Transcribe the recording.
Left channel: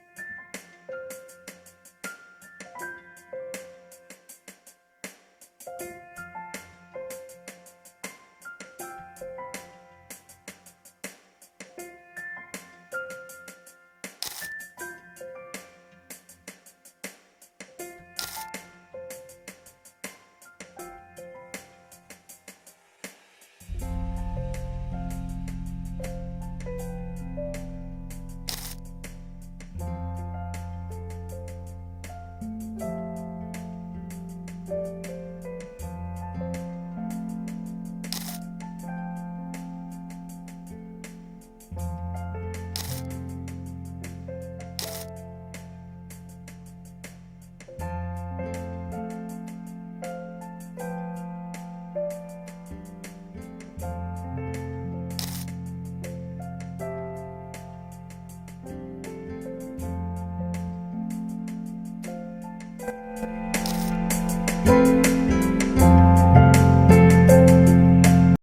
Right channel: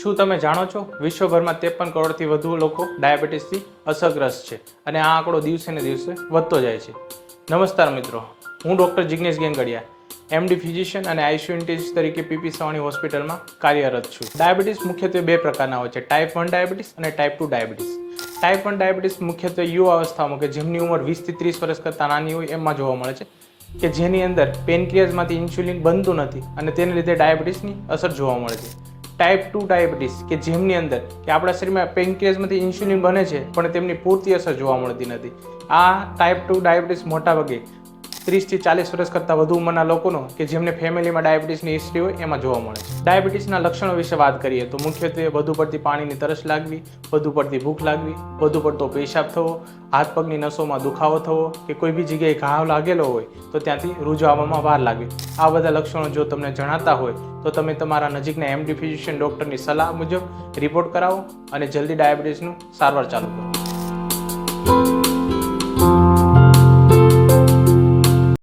શું તમે જાણો છો વિશ્વભરમાં 53 કરોડથી વધુ લોકો ડાયાબિટીસથી અસરગ્રસ્ત છે અને આ આંકડો દિવસે ને દિવસે વધતો જાય છે. નમસ્કાર મિત્રો, હું doctor Jignesh Gengadiya, MD physician અને આઈસીયુ ઇન્ટેન્સિવ તરીકે પીપી સવાણી હોસ્પિટલમાં કાર્યરત છું. ડાયાબિટીસ મુખ્યત્વે બે પ્રકારના હોય છે, ટાઈપ 1 ડાયાબિટીસ અને ટાઈપ 2 ડાયાબિટીસ. ટાઈપ 1 ડાયાબિટીસ મુખ્યત્વે યુવા અવસ્થામાં કે જેમની ઉંમર 20 થી 30 વર્ષ કરતાં નાની હોય એમાં જોવા મળે છે, કે જેની અંદર પેનક્રિયાઝમાંથી ઇન્સ્યુલિન બનતું નથી અને તેને લીધે ડાયાબિટીસની અસર જોવા મળે છે. ટાઈપ 2 ડાયાબિટીસ કે જેમની અંદર કે આપણા શરીરમાં પેનક્રિયાઝમાંથી ઇન્સ્યુલિન બને છે પણ તેમની પૂરતી અસર જોવા મળતી નથી. આ ટાઈપ 2 ડાયાબિટીસ મોટા ભાગે 30 થી 40 વર્ષ કરતાં વધુ ઉંમરના લોકોનો કે જેમને ફેમિલીમાં ડાયાબિટીસની હિસ્ટ્રી હોય એમાં જોવા મળે છે. ડાયાબિટીસના લક્ષણો વિશે વાત કરીએ તો મુખ્યત્વે વધુ પડતી પાણીની તરસ લાગવી, વધુ પડતી ભૂખ લાગવી, વધુ પડતો પેશાબ થવો, હાથ પગની નસોમાં દુખાવો થવો કે કોઈ બી જગ્યાએ ઘાવ લાગેલો હોય તો ત્યાંથી રૂજો આવવામાં વાર લાગવી. આ બધા લક્ષણો જો તમને જણાતા હોય તો તમે તમારા નજીકના એમડી ફિઝિશિયન ડૉક્ટરની સલાહ મુજબ રિપોર્ટ કરાવો અને જલ્દી ડાયાબિટીસનું સારવાર ચાલુ કરો.